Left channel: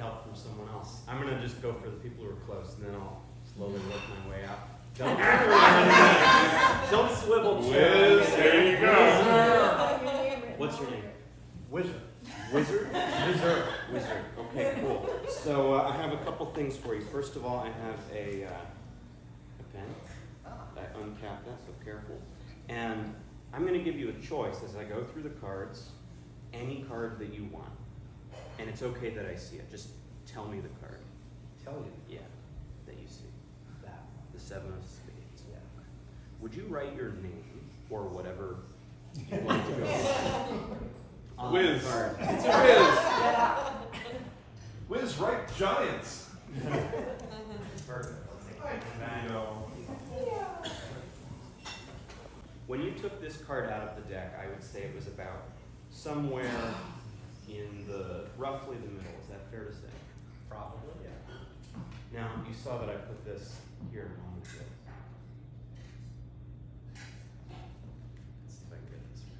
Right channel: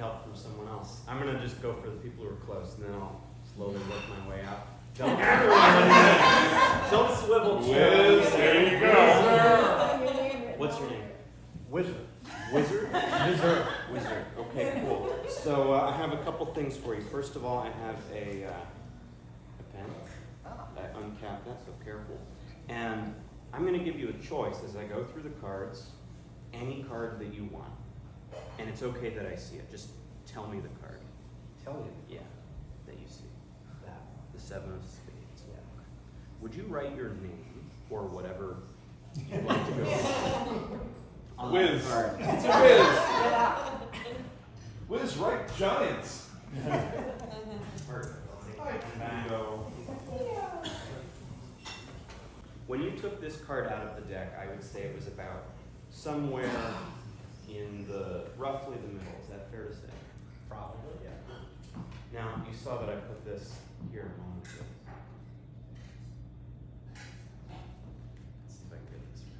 help from someone else. I'm gonna just go for the people who are close, and then I'll slowly work my way out. Don't turn around. Don't swivel chairs. Wiz, there you go. What's your name? Wizard. Wizard? Wizard. Wizard. Okay, cool. So I have a couple things for you. First of all, I have a pen. I uncapped that, so careful. And I'm going to give you a choice as I go through the cards, any card that you want. And it's okay that I see it. Just tell me the card. Tell you. Yeah, that you see. That one. The 7 of spades. Yeah. Would you write your name or whatever you'd like to go on Wiz. the card? It's a Wiz. Wiz, right? Giants. When you took this card out of the deck, I would say it was about somewhere in roughly the middle. Is that fair to say? Probably, yeah. Now, you saw that I put this here a moment ago. Let's see if I can get this right.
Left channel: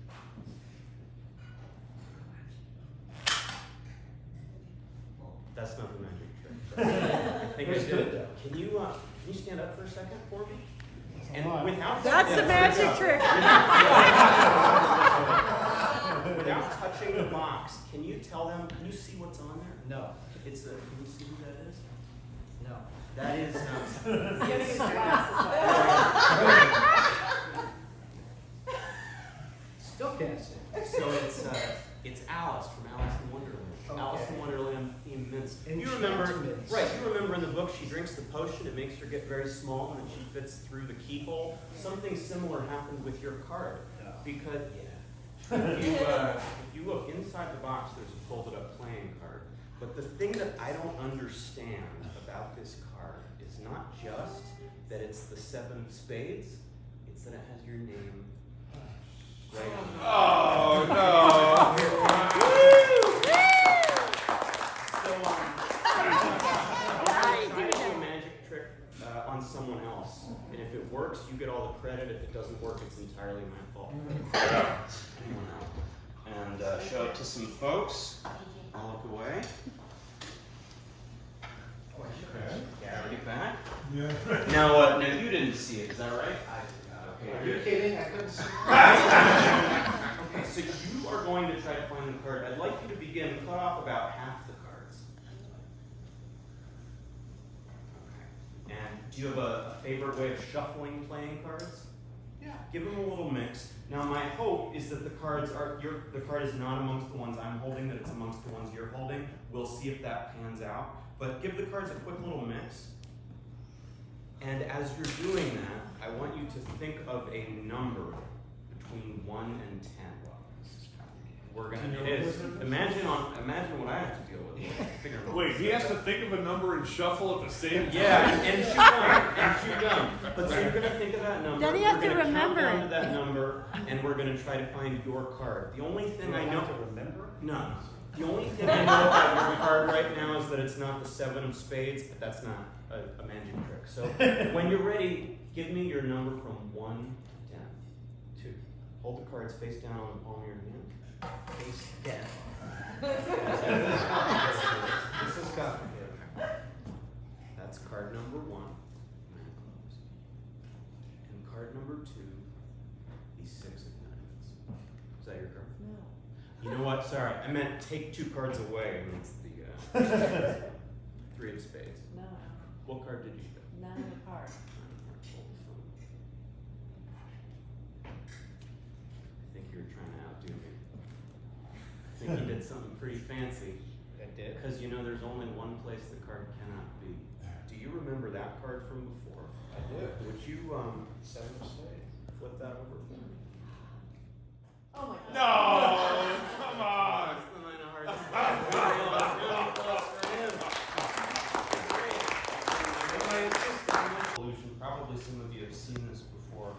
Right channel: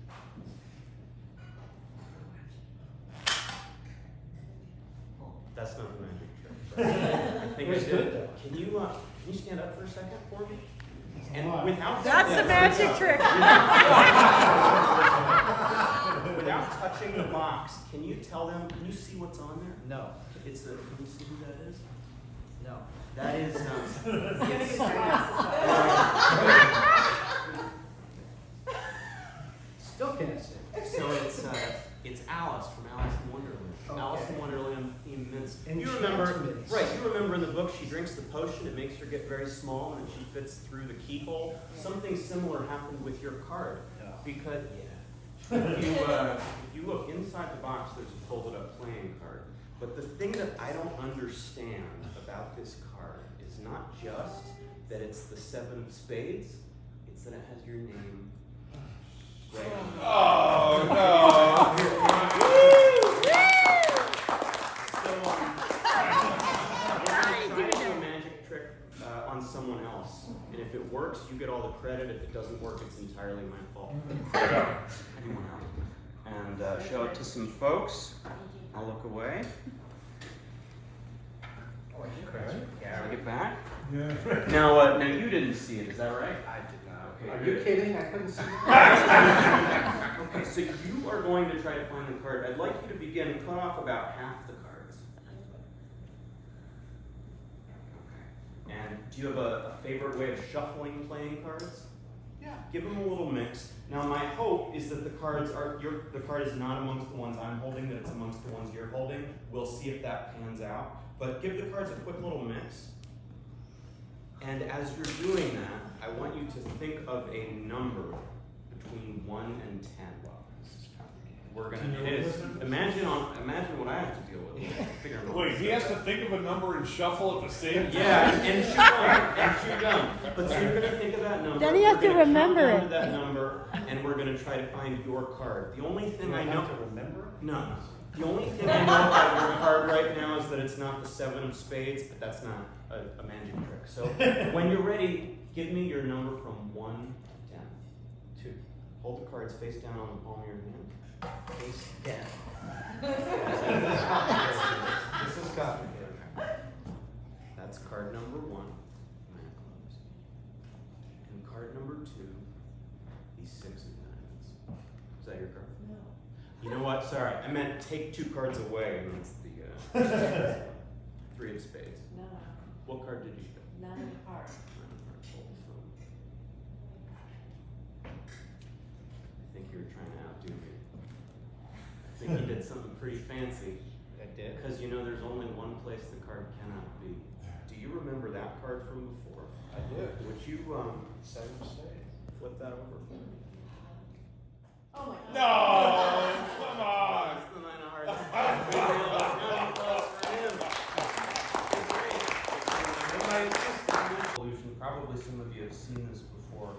That's not the magic trick. But I think I It's did good, it. though. Can you stand up for a second for me? And without That's the magic trick. Without touching the box, can you tell them? Can you see what's on there? No. It's can you see who that is? No. That is. Still can't see. So it's Alice from Alice in Wonderland. Okay. Alice in Wonderland theme mints. You Enchantments. remember, right? You remember in the book she drinks the potion. It makes her get very small, and then she fits through the keyhole. Something similar happened with your card, No. because if you look inside the box, there's a folded up playing card. But the thing that I don't understand about this card is not just that it's the 7 of spades; it's that it has your name right on it. Oh, no. Try to do a magic trick on someone else, and if it works, you get all the credit. If it doesn't work, it's entirely my fault. Anyone else? And show it to some folks. I'll look away. Okay. Bring it back. Yeah. Now you didn't see it. Is that right? Are you kidding? I couldn't see. Okay, so you are going to try to find the card. I'd like you to begin. Cut off about half the cards. Okay. And do you have a favorite way of shuffling playing cards? Yeah. Give them a little mix. Now, my hope is that the card is not amongst the ones I'm holding, that it's amongst the ones you're holding. We'll see if that pans out. But give the cards a quick little mix. And as you're doing that, I want you to think of a number between 1 and 10. We're gonna. It is. Imagine what I have to deal with. Figure out. Wait, he has to think of a number and shuffle at the same time? Yeah, and shoot them. But so you're gonna think of that number. Then you have to We're gonna remember count down it. to that number, and we're gonna try to find your card. The only thing I know. to remember? No. The only thing I know about your card right now is that it's not the 7 of spades, but that's not a magic trick. So when you're ready, give me your number from 1 to 10. 2. Hold the cards face down on the palm of your hand. Face down. This is complicated. That's card number 1. Nine of clubs. And card number 2, the 6 of diamonds. Is that your card? No. You know what? Sorry, I meant take 2 cards away, and it's the 3 of spades. No. What card did you get? 9 of hearts. 9 of hearts. Hold the phone. I think you were trying to outdo me. I think you did something pretty fancy. I did. Because you know there's only one place the card cannot be. Do you remember that card from before? I did. Would you 7 of spades. flip that over for me? Oh my God. No! Come on! It's the 9 of hearts. For him. Great. Probably some of you have seen this before.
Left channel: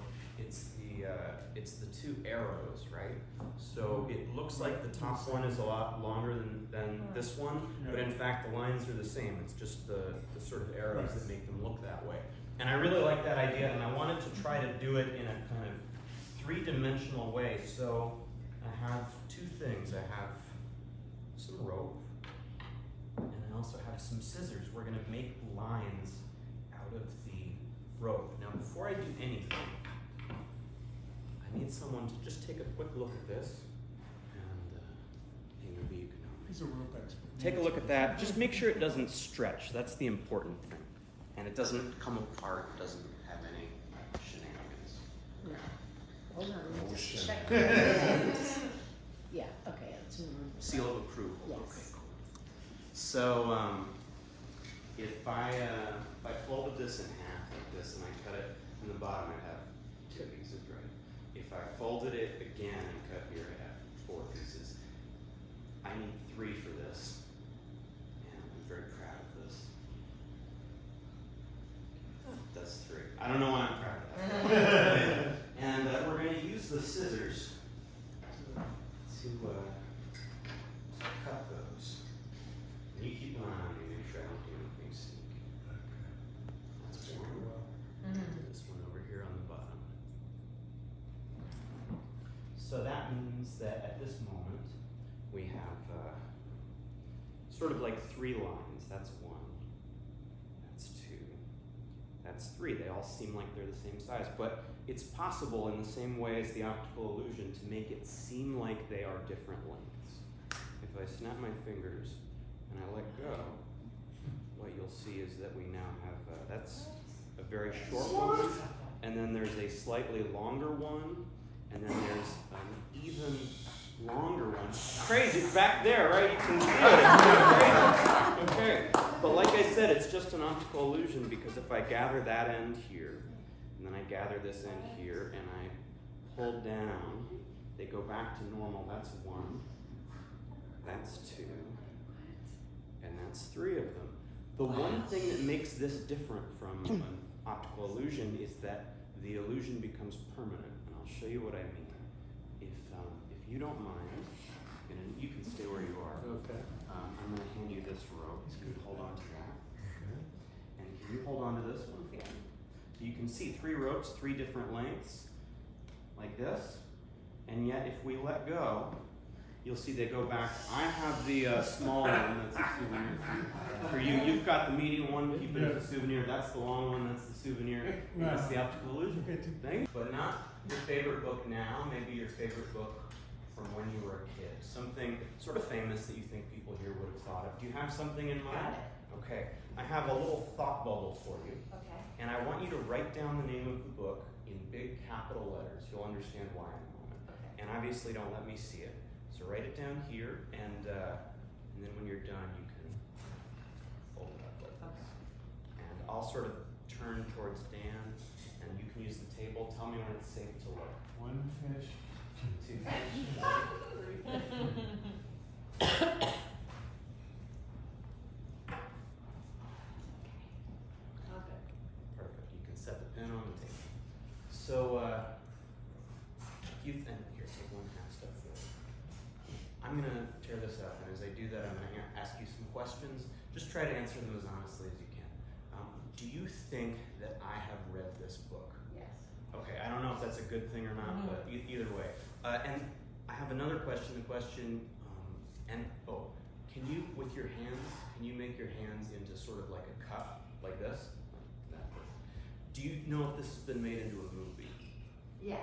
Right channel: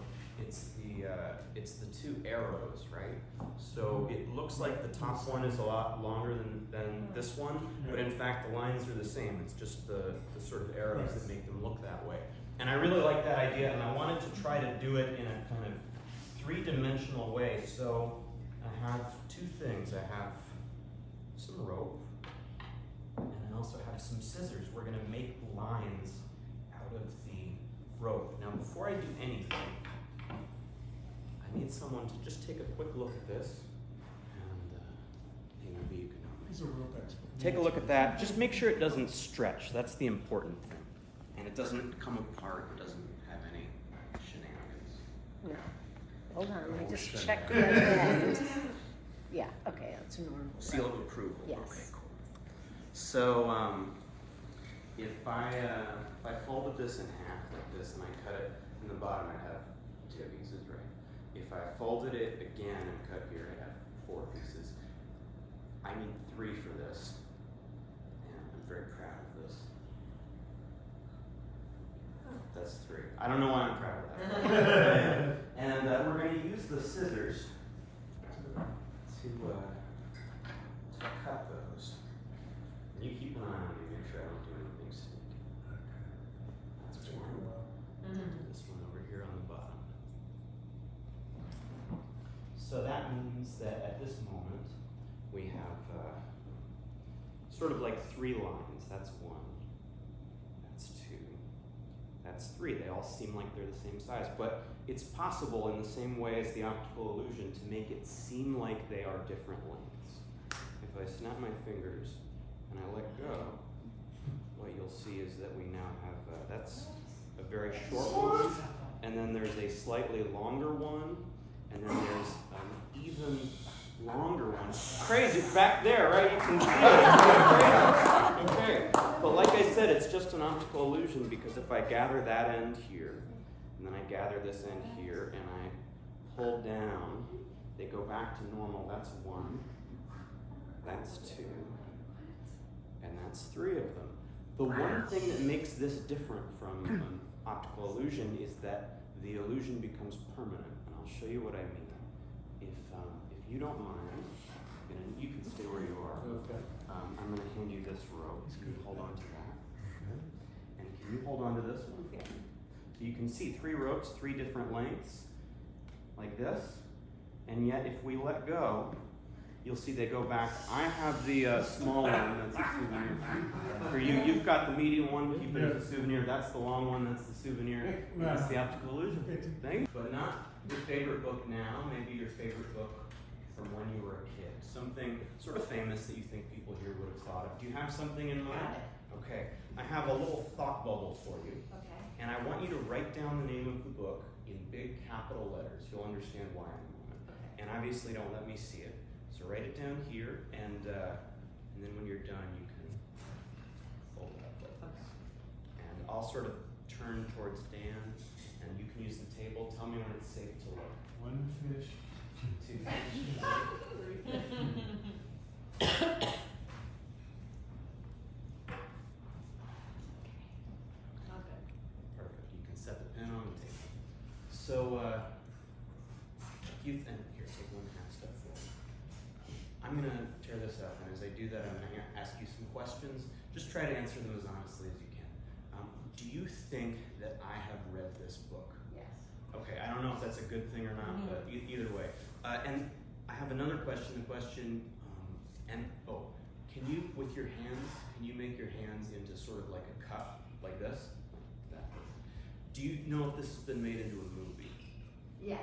It's the 2 arrows, right? So it looks like the top one is a lot longer than this one, but in fact the lines are the same. It's just the sort of arrows that make them look that way. And I really like that idea, and I wanted to try to do it in a kind of 3-dimensional way. So I have 2 things. I have some rope, and I also some scissors. We're gonna make lines out of the rope. Now, before I do anything, I need someone to just take a quick look at this, and maybe you can help me. He's a rope expert. Take a look at that. Just make sure it doesn't stretch. That's the important thing. And it doesn't come apart. It doesn't have any shenanigans. Yeah. Hold on, let me just Oh, check. shit. Yeah, okay, that's normal. Seal of approval. Yes. Okay, cool. So if I folded this in half like this and I cut it in the bottom, I'd have 2 pieces, right? If I folded it again and cut here, I'd have 4 pieces. I need 3 for this, and I'm very proud of this. That's 3. I don't know why I'm proud of that. And we're going to use the scissors to cut those. And you keep an eye on me, make sure I don't do anything sneaky. That's one. This one over here on the bottom. So that means that at this moment we have sort of like 3 lines. That's 1. That's 2. That's 3. They all seem like they're the same size, but it's possible in the same way as the optical illusion to make it seem like they are different lengths. If I snap my fingers and I let go, what you'll see is that we now have, that's a very short one, and then there's a slightly longer one, and then there's an even longer one. Crazy, back there, right? You can see it. It's crazy. Okay, but like I said, it's just an optical illusion because if I gather that end here, and then I gather this end here, and I pull down, they go back to normal. That's 1, that's 2, and that's 3 of them. The one thing that makes this different from an optical illusion is that the illusion becomes permanent, and I'll show you what I mean. If you don't mind, you can stay where you are. Okay. I'm going to hand you this rope. Can you hold on to that? And can you hold on to this one? So you can see 3 ropes, 3 different lengths, like this. And yet, if we let go, you'll see they go back. I have the small one. That's a souvenir for you. You've got the medium one. Keep it as a souvenir. That's the long one. That's the souvenir. That's the optical illusion. Thank you. But not your favorite book now. Maybe your favorite book from when you were a kid. Something sort of famous that you think people here would have thought of. Do you have something in mind? Okay. I have a little thought bubble for you. Okay. And I want you to write down the name of the book in big capital letters. You'll understand why in a moment. Okay. And obviously don't let me see it. So write it down here, and then when you're done, you can fold it up like this. And I'll sort of turn towards Dan, and you can use the table. Tell me when it's safe to look. 1 fish. 2 fish. 3 fish. Okay. Perfect. You can set the pin on the table. So, and here, take 1 half step forward. I'm going to tear this up, and as I do that, I'm going to ask you some questions. Just try to answer them as honestly as you can. Do you think that I have read this book? Yes. Okay, I don't know if that's a good thing or not, but either way. And I have another question. The question, can you, with your hands, can you make your hands into sort of like a cup, like this? Like that. Do you know if this has been made into a movie? Yes.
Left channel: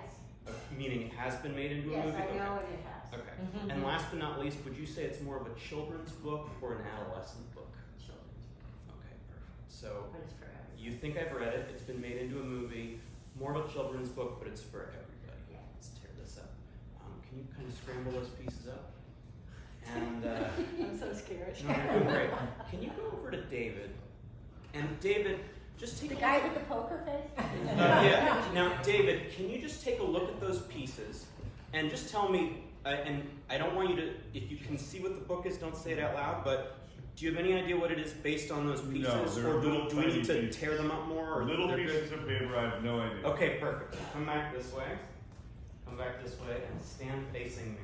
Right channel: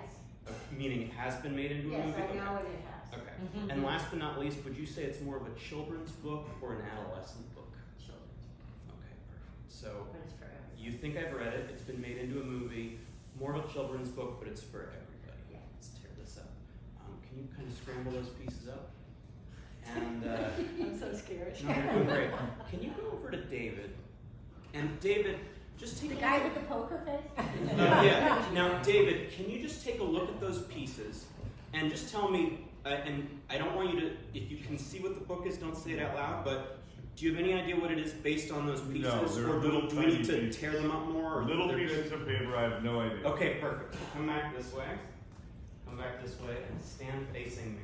Meaning it has been made into a Yes, movie? I know Okay. it has. Okay. And last but not least, would you say it's more of a children's book or an adolescent book? Children's. Okay, perfect. So But it's for everybody. you think I've read it, it's been made into a movie, more of a children's book, but it's for everybody. Yeah. Let's tear this up. Can you kind of scramble those pieces up? And I'm so scared. no, you're doing great. Can you go over to David? And David, just take The a guy look. with the poker face? Yeah. Now, David, can you just take a look at those pieces and just tell me, and I don't want you to, if you can see what the book is, don't say it out loud, but do you have any idea what it is based on those pieces? No, they're or little do we tiny need to pieces. tear them up more? Or Little they're pieces good? of paper, I have no idea. Okay, perfect. Come back this way. Come back this way and stand facing me.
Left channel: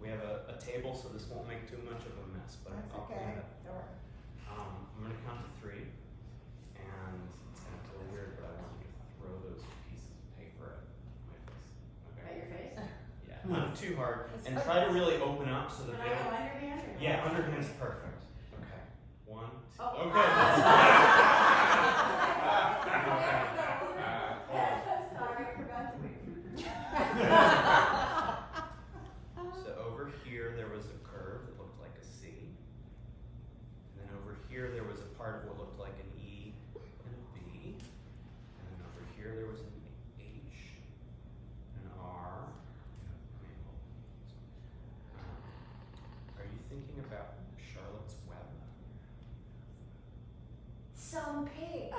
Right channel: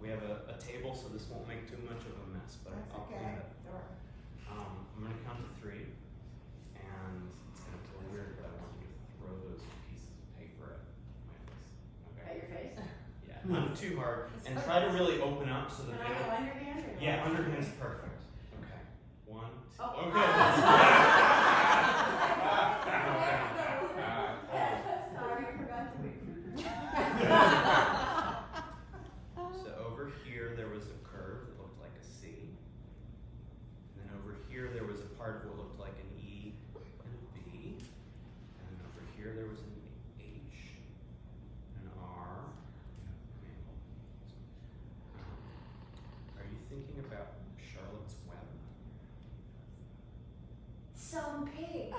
We have a table, so this won't make too much of a mess, but I'll clean it up. Sure. I'm going to count to 3, and it's going to feel weird, but I want you to throw those pieces of paper at my face. At Okay? your face? Yeah, not too hard. And try to really open up so that Can they I go don't. underhand or no? Yeah, underhand's perfect. Okay. 1, Oh. Okay. Sorry, I forgot to read. So over here there was a curve that looked like a C. And then over here there was a part of what looked like an E and a B. And then over here there was an H, an R. Are you thinking about Charlotte's Web? Some pig.